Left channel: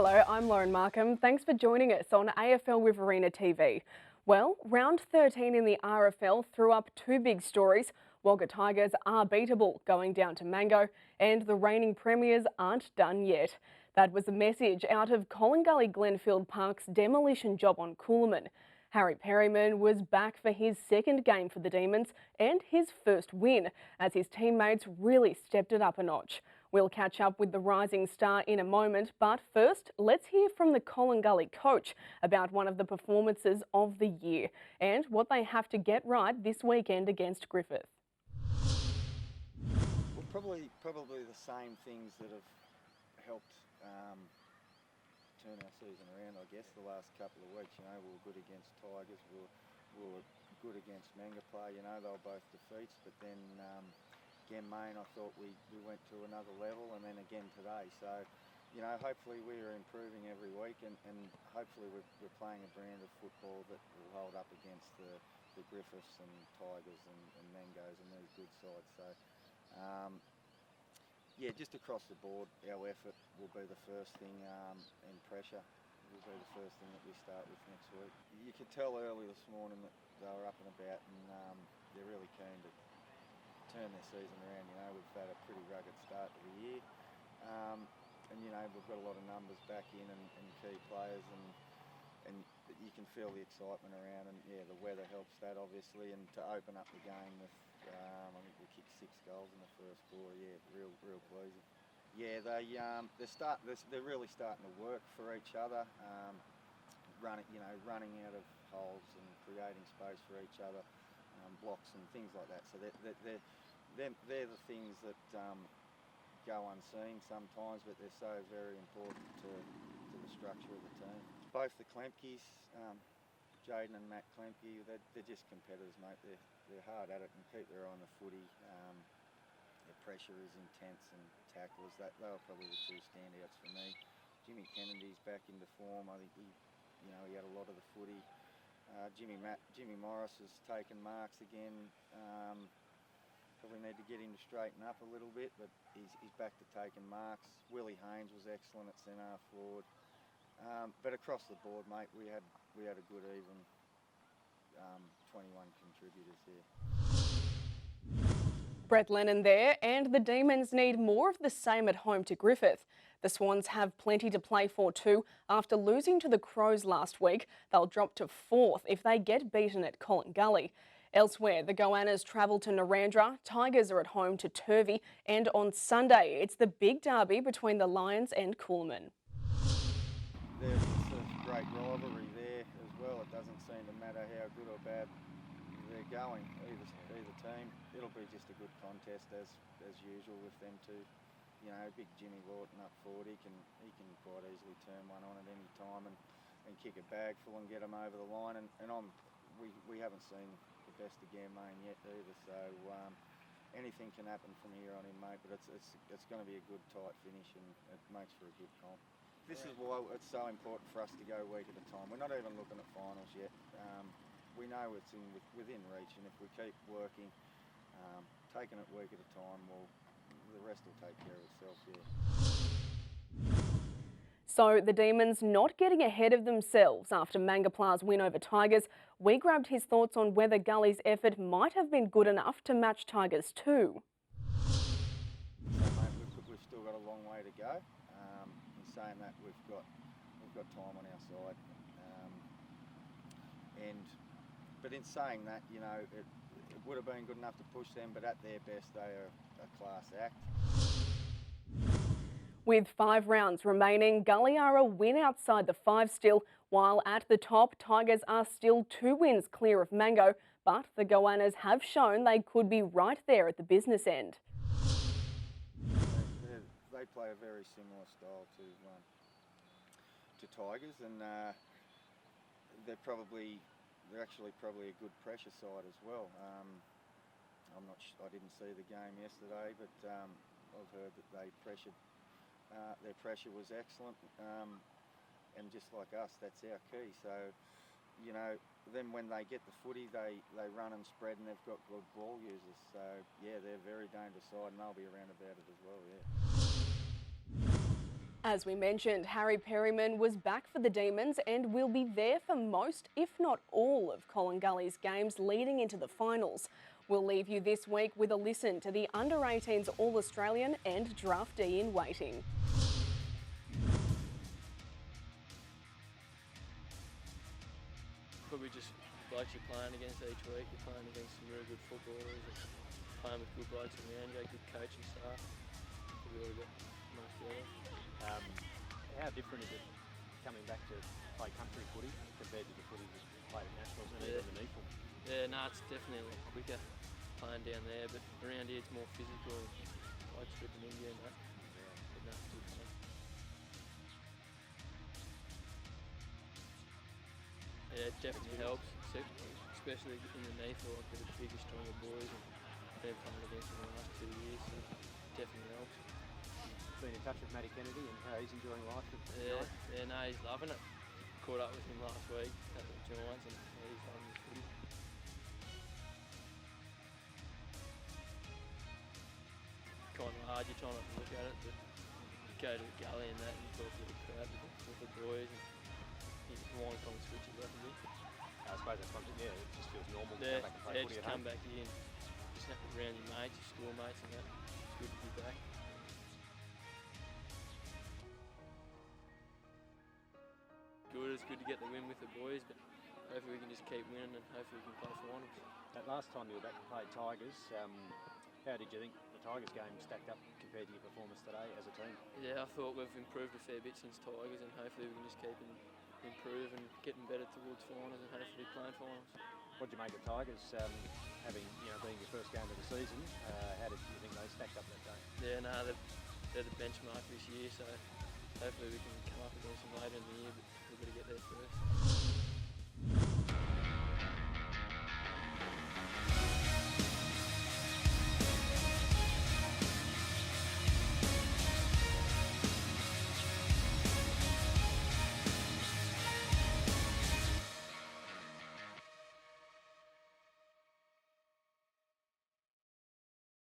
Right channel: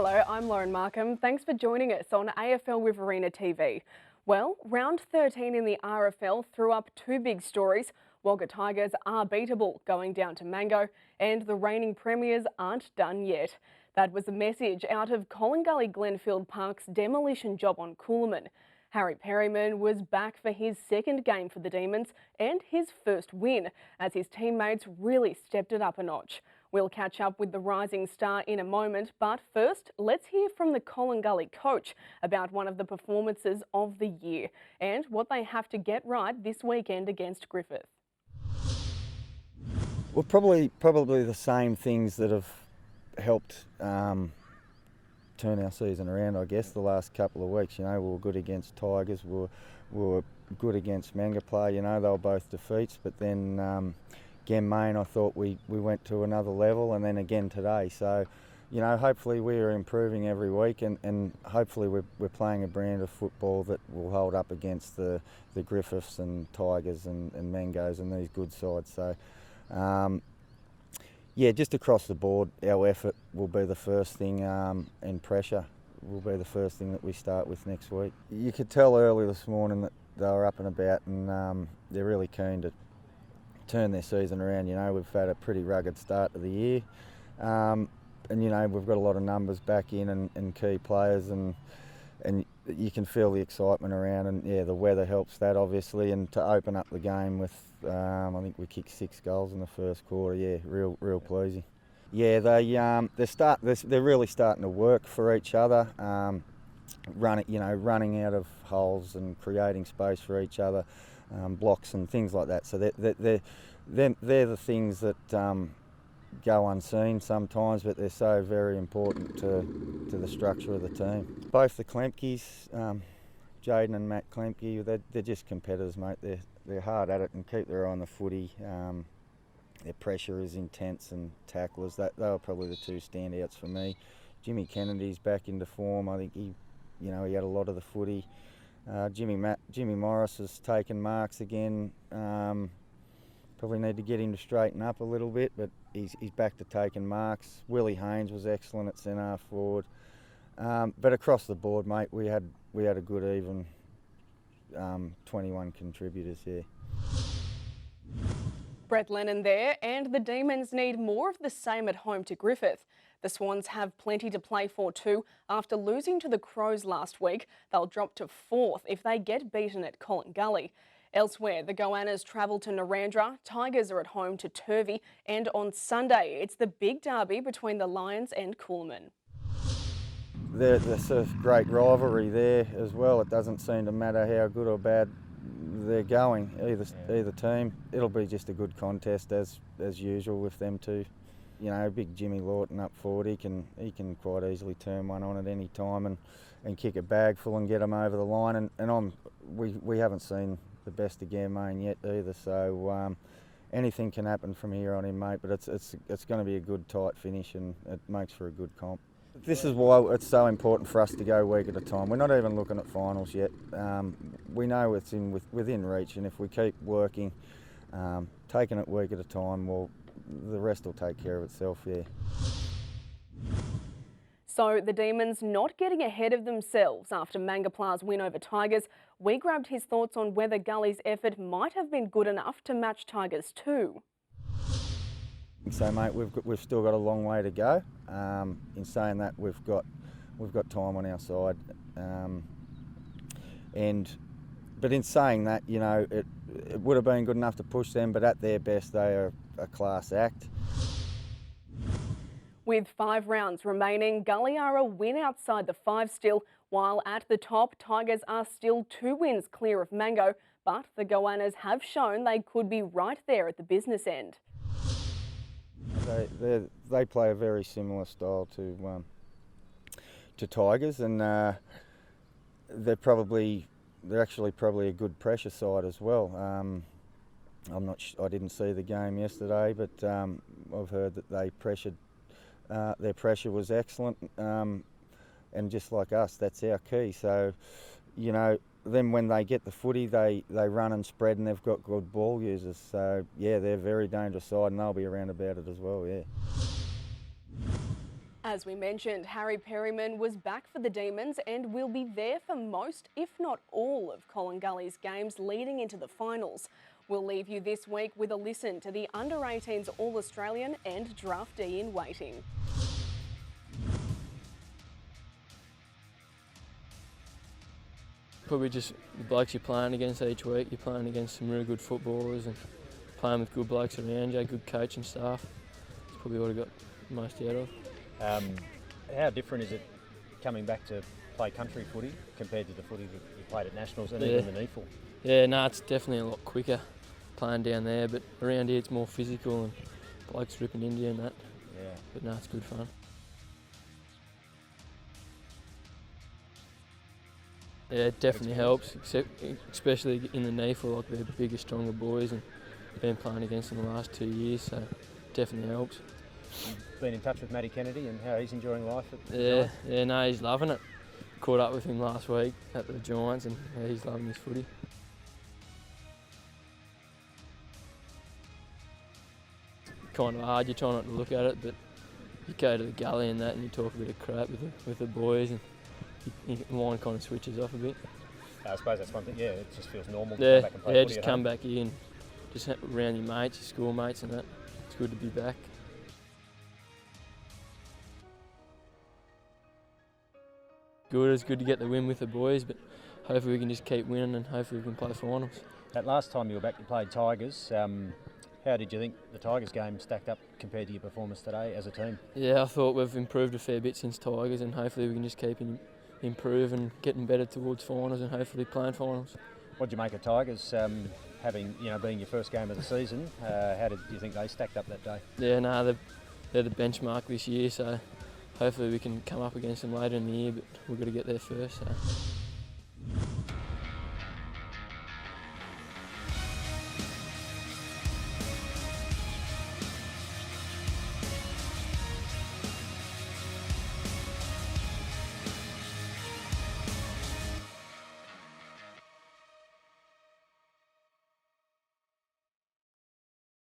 Hello, I'm Lauren Markham. Thanks for joining us on AFL Riverina TV. Well, round 13 in the RFL threw up two big stories. Wagga Tigers are beatable going down to Mango, and the reigning premiers aren't done yet. That was the message out of Collingullie-Glenfield Park's demolition job on Coolman. Harry Perryman was back for his second game for the Demons and his first win, as his teammates really stepped it up a notch. We'll catch up with the rising star in a moment, but first, let's hear from the Collingullie coach about one of the performances of the year and what they have to get right this weekend against Griffith. Well, probably the same things that have helped turn our season around, I guess, the last couple of weeks. You know, we were good against Tigers, we were good against Mangapla. You know, they were both defeats, but then again, Main, I thought we went to another level, and then again today. So, you know, hopefully we are improving every week, and hopefully we're playing a brand of football that will hold up against the Griffiths and Tigers and Mangos and these good sides. So, yeah, just across the board, our effort will be the first thing, and pressure will be the first thing that we start with next week. You could tell early this morning that they were up and about, and they're really keen to turn their season around. You know, we've had a pretty rugged start to the year, and you know, we've got a lot of numbers back in and key players, and you can feel the excitement around, and yeah, the weather helps that obviously, and to open up the game with I think we kicked 6 goals in the first quarter. Yeah, real pleasing. Yeah, they're really starting to work for each other, running out of holes and creating space for each other, blocks and things like that. So they're the things that go unseen sometimes, but they're so very important to the structure of the team. Both the Klemkes, Jaden and Matt Klemke, they're just competitors, mate. They're hard at it and keep their eye on the footy. Their pressure is intense, and tacklers, they were probably the two standouts for me. Jimmy Kennedy's back into form. I think he had a lot of the footy. Jimmy Morris has taken marks again. Probably need to get him to straighten up a little bit, but he's back to taking marks. Willie Haynes was excellent at centre forward. But across the board, mate, we had a good even 21 contributors here. Brett Lenon there, and the Demons need more of the same at home to Griffith. The Swans have plenty to play for too. After losing to the Crows last week, they'll drop to 4th if they get beaten at Collingullie. Elsewhere, the Goannas travel to Narrandera, Tigers are at home to Turvey, and on Sunday, it's the big derby between the Lions and Coolman. There's a great rivalry there as well. It doesn't seem to matter how good or bad they're going, either team. It'll be just a good contest as usual with them two. You know, big Jimmy Lawton up forward, he can quite easily turn one on at any time and kick a bag full and get them over the line. And we haven't seen the best of Main yet either, so anything can happen from here on in, mate. But it's going to be a good tight finish, and it makes for a good comp. This is why it's so important for us to go week at a time. We're not even looking at finals yet. We know it's within reach, and if we keep working, taking it week at a time, well, the rest will take care of itself, yeah. So the Demons not getting ahead of themselves after Mangapla's win over Tigers. We grabbed his thoughts on whether Gully's effort might have been good enough to match Tigers too. So, mate, we've still got a long way to go. In saying that, we've got time on our side, but in saying that, you know, it would have been good enough to push them. But at their best, they are a class act. With 5 rounds remaining, Gully are a win outside the 5 still, while at the top, Tigers are still 2 wins clear of Mango. But the Goannas have shown they could be right there at the business end. They play a very similar style to Tigers, and they're actually probably a good pressure side as well. I didn't see the game yesterday, but I've heard that they pressured. Their pressure was excellent, and just like us, that's our key. So, you know, then when they get the footy, they run and spread, and they've got good ball users. So yeah, they're a very dangerous side, and they'll be around about it as well. Yeah. As we mentioned, Harry Perryman was back for the Demons and will be there for most, if not all, of Collingullie's games leading into the finals. We'll leave you this week with a listen to the Under-18s All-Australian and draftee in waiting. Probably just the blokes you're playing against each week. You're playing against some really good footballers and playing with good blokes around you, good coaching staff. That's probably what I got most out of. How different is it coming back to play country footy compared to the footy that you played at Nationals and even the NEFL? Yeah, no, it's definitely a lot quicker playing down there, but around here it's more physical and blokes ripping into you and that. Yeah. But no, it's good fun. Yeah, it definitely helps, especially in the NEFL, like they're bigger, stronger boys, and I've been playing against them the last 2 years, so it definitely helps. You've been in touch with Matty Kennedy and how he's enjoying life at Yeah, no, he's loving it. Caught up with him last week at the Giants, and yeah, he's loving his footy. Kind of hard, you try not to look at it, but you go to the gully and that, and you talk a bit of crap with the boys, and your mind kind of switches off a bit. I suppose that's one thing. Yeah, it just feels normal to Yeah, come back and play footy just at come home. back here and just around your mates, your schoolmates, and that. It's good to be back. Good, it's good to get the win with the boys, but hopefully we can just keep winning and hopefully we can play finals. That last time you were back, you played Tigers. How did you think the Tigers game stacked up compared to your performance today as a team? Yeah, I thought we've improved a fair bit since Tigers, and hopefully we can just keep improving, getting better towards finals and hopefully playing finals. What did you make of Tigers having, being your first game of the season? How did you think they stacked up that day? Yeah, no, they're the benchmark this year, so hopefully we can come up against them later in the year, but we've got to get there first. So.